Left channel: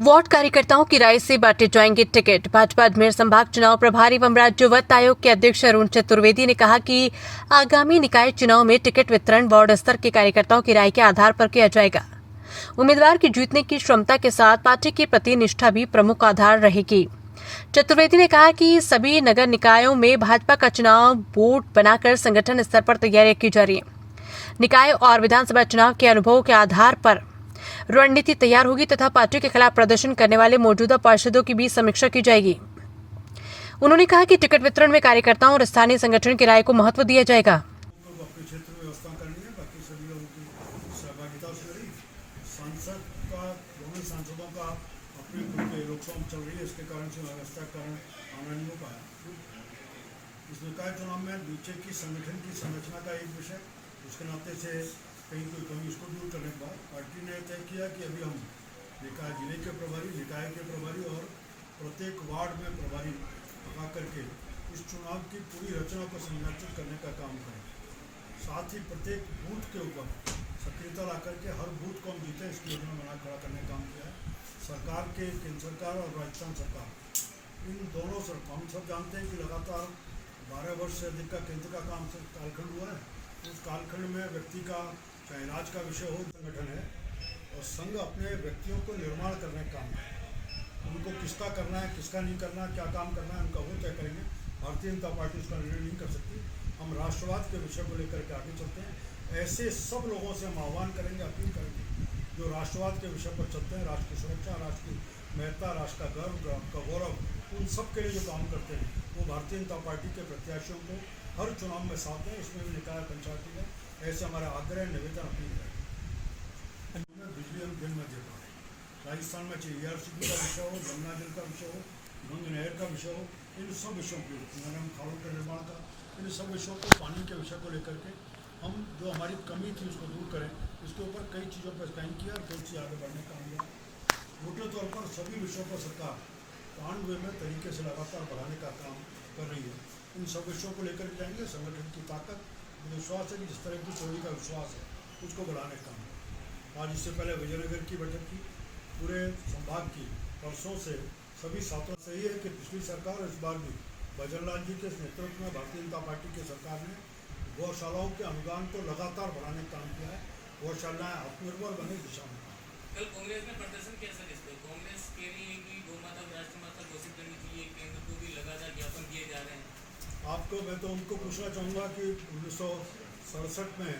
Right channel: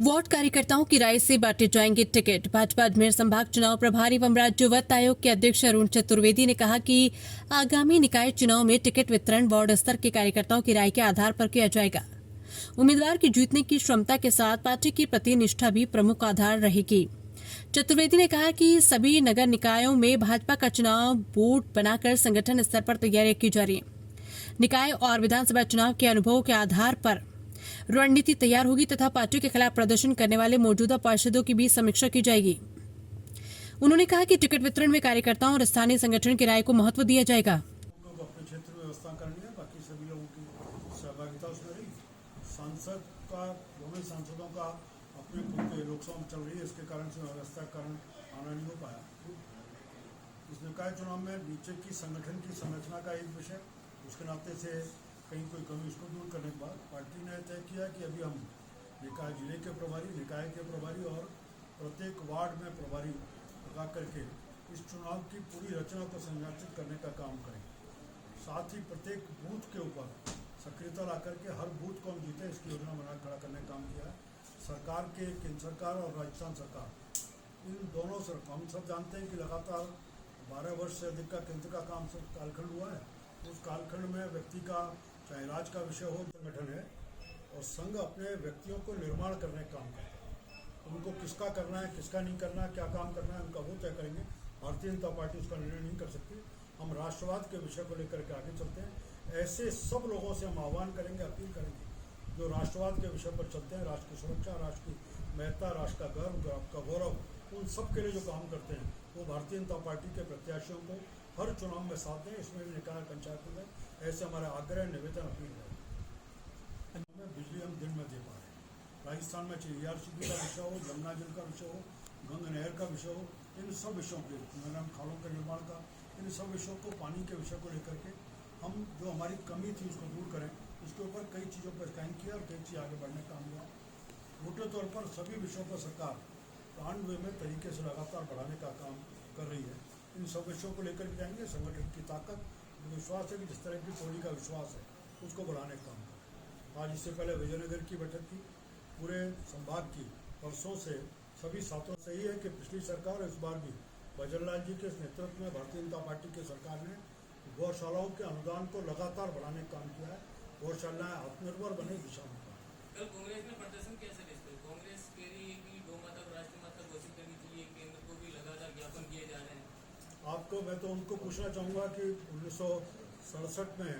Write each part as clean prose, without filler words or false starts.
Ward कार्यकर्ताओं की राय से बांटे जाएंगे टिकट। भाजपा अजमेर संभाग चुनाव प्रभारी एवं राज्य वित्त आयोग के अध्यक्ष अरुण चतुर्वेदी ने कहा कि आगामी निकाय चुनाव में टिकट वितरण वार्ड स्तर के कार्यकर्ताओं की राय के आधार पर किया जाएगा। उम्मीदवार की जीतने की क्षमता के साथ पार्टी के प्रति निष्ठा भी प्रमुख आधार रहेगी। चतुर्वेदी ने कहा कि सभी नगर निकायों में भाजपा का चुनाव बोर्ड बनाकर संगठन स्तर पर तैयारियां की जा रही है। निकाय और विधानसभा चुनाव के अनुभव के आधार पर रणनीति तैयार होगी तथा पार्टी के खिलाफ प्रदर्शन करने वाले मौजूदा पार्षदों की भी समीक्षा की जाएगी। उन्होंने कहा कि टिकट वितरण में कार्यकर्ताओं और स्थानीय संगठन की राय को महत्व दिया जाएगा। अपने क्षेत्र में व्यवस्था करनी है, बाकी सभी लोगों की सहभागिता उसमें रही। सांसद का दोनों सांसदों का अपने खुद के लोकसभा चल रही है, इसके कारण से व्यवस्था कारण आना नहीं हो पाया। इस निकाय चुनाव में नीचे की संगठन की संरचना का एक विषय, उसके नाते से कहीं कोई कमी इसको दूर करने के बाद पार्टी ने तय किया कि अभी हम निकाय जिले के प्रभारी, निकाय के प्रभारी और प्रत्येक वार्ड में प्रभारी लगा करके इस चुनाव की पूरी रचना को संरक्षित करने का काम करें। साथ ही प्रत्येक बूथ के ऊपर सक्रियता ला करके हर बूथ को हम जीते इसकी योजना बना खड़ा करने का काम किया है। सरकार के केंद्र सरकार और राजस्थान सरकार इन दोनों से हम सब जानते हैं कि लगातार 12 वर्ष से अधिक का केंद्र का काम कालखंड हुआ है। उस कालखंड में व्यक्ति का चाहे राज का विषय हो, संगठन है और संघ अपने व्यक्तियों को निर्माण करने का काम है। उनको किसका करना है, किसका नहीं करना है, क्या काम करना है, उनका वो तय करेंगे। भारतीय जनता पार्टी उसका निर्णय नहीं कर सकती। हम राष्ट्रवाद के विषय को लेकर के आगे चलते हैं। ऐसे सब लोगों से हम आह्वान करेंगे, अपील करेंगे जो राष्ट्रवाद के विषय पर चलते हैं, राष्ट्र की सुरक्षा, राष्ट्र की महत्ता, राष्ट्र का गर्व, राष्ट्र का गौरव, उन सब के लिए जो काम करते हैं वो भारतीय जनता पार्टी के प्रत्याशियों को हर चुनाव में साथ दें। इसमें भी निकाय पंचायती है, ऐसे हमारा आग्रह, निवेदन, अपील है। बिजली हम दिन में दे पा रहे हैं। राजस्थान में चाहे ERCP का विषय हो, गंगा जल का विषय हो, गंग नहर का विषय हो, इन सब विषयों को, नरम खालों के निर्माण का, इन सब विषयों को, पानी के विषय को लेकर के हम जो हमारी कमी थी उसको दूर करें। इसके ऊपर कई चीज़ों पर स्कैन किया और कई चीज़ आगे बढ़ने का काम हुआ। मोटे तौर पर सभी विषयों पर सरकार पांडवे में तरीके से लगातार बढ़ाने का काम कर रही है। इन सब विषयों को लेकर जाएंगे। संगठन की ताकत, विश्वास है कि जिस तरह की कोई का विश्वास है उसको बढ़ाने का काम। आज इससे पहले विजयनगर की बैठक की, पूरे संभाग की, परसों से सभी छात्रों सही है कि पिछली सरकार इस बार भी भजनलाल जी के नेतृत्व में भारतीय जनता पार्टी की सरकार ने गौशालाओं के अनुदान को लगातार बढ़ाने का काम किया है। गौशालाएं आत्मनिर्भर बने दिशा में। कल कांग्रेस ने प्रदर्शन कैसा देखते हो? कांग्रेस कह रही है कि गौ माता को राष्ट्रमाता घोषित करनी चाहिए, केंद्र को भी लगातार ज्ञापन किए जा रहे हैं। आपको मैं तो उनको पूछना चाहूँगा कि 1967 में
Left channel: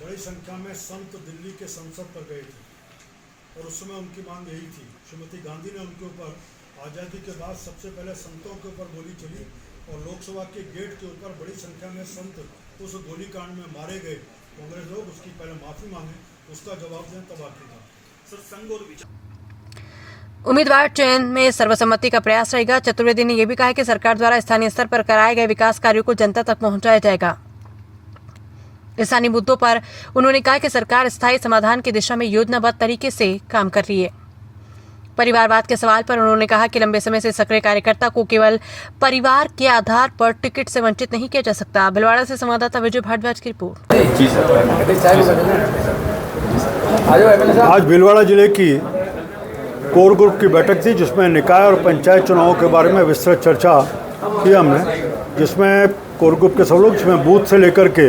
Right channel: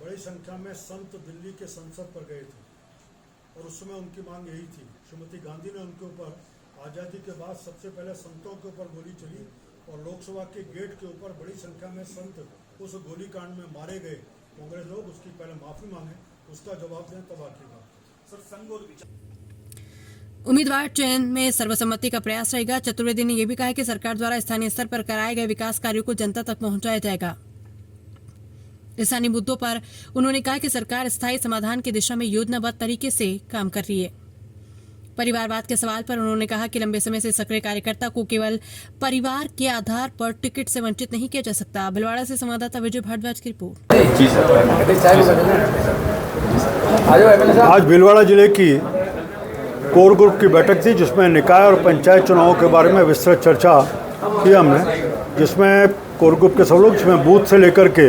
बड़ी संख्या में संत दिल्ली के संसद पर गए थे और उस समय उनकी मांग यही थी। श्रीमती गांधी ने उनके ऊपर आज़ादी के बाद सबसे पहले संतों के ऊपर गोली चली और लोकसभा के गेट के ऊपर बड़ी संख्या में संत उस गोलीकांड में मारे गए। कांग्रेस लोग उसकी पहले माफ़ी मांगे, उसका जवाब दें, तब आखिर बात। सर, संघ और उम्मीदवार चयन में सर्वसम्मति का प्रयास रहेगा। चतुर्वेदी ने यह भी कहा कि सरकार द्वारा स्थानीय स्तर पर कराए गए विकास कार्यों को जनता तक पहुंचाया जाएगा। स्थानीय मुद्दों पर उन्होंने कहा कि सरकार स्थायी समाधान की दिशा में योजनाबद्ध तरीके से काम कर रही है। परिवारवाद के सवाल पर उन्होंने कहा कि लंबे समय से सक्रिय कार्यकर्ता को केवल परिवार के आधार पर टिकट से वंचित नहीं किया जा सकता। भीलवाड़ा से संवाददाता विजय भारद्वाज की रिपोर्ट। आज भीलवाड़ा जिले की कोर ग्रुप की बैठक थी जिसमें निकाय और पंचायत चुनावों के बारे में विस्तृत चर्चा की हमने, जिसमें कोर ग्रुप के सब लोग, जिसमें बूथ से लेकर के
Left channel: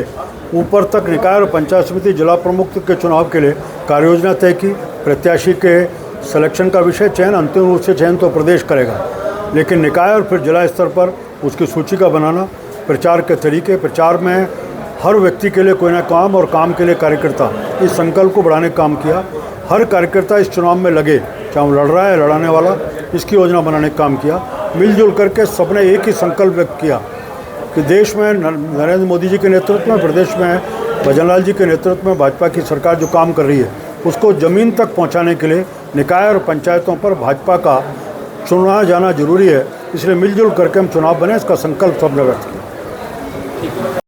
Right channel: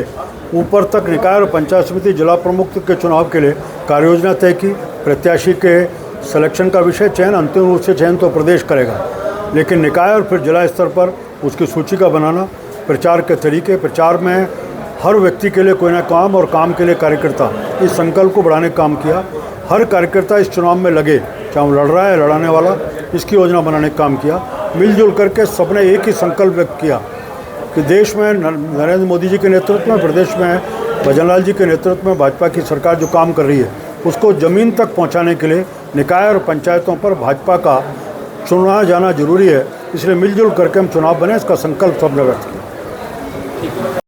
ऊपर तक निकाय और पंचायत समिति जिला प्रमुख के चुनाव के लिए कार्ययोजना तय की। प्रत्याशी के सिलेक्शन का विषय, चयन अंतिम रूप से चयन तो प्रदेश करेगा, लेकिन निकाय और फिर जिला स्तर पर उसकी सूची का बनाना, प्रचार के तरीके, प्रचार में हर व्यक्ति के लिए कोई ना काम और काम के लिए कार्यकर्ता, इस संकल्प को बढ़ाने का काम किया। हर कार्यकर्ता इस चुनाव में लगे, चाहे वो लड़ रहा है, लड़ाने वाला, इसकी योजना बनाने का काम किया। मिलजुल करके सबने एक ही संकल्प व्यक्त किया कि देश में नरेंद्र मोदी जी के नेतृत्व में, प्रदेश में भजनलाल जी के नेतृत्व में भाजपा की सरकार जो काम कर रही है उसको ज़मीन तक पहुंचाने के लिए निकाय और पंचायतों पर भाजपा का चुना जाना जरूरी है। इसलिए मिलजुल करके हम चुनाव बने, इसका संकल्प सबने व्यक्त किया।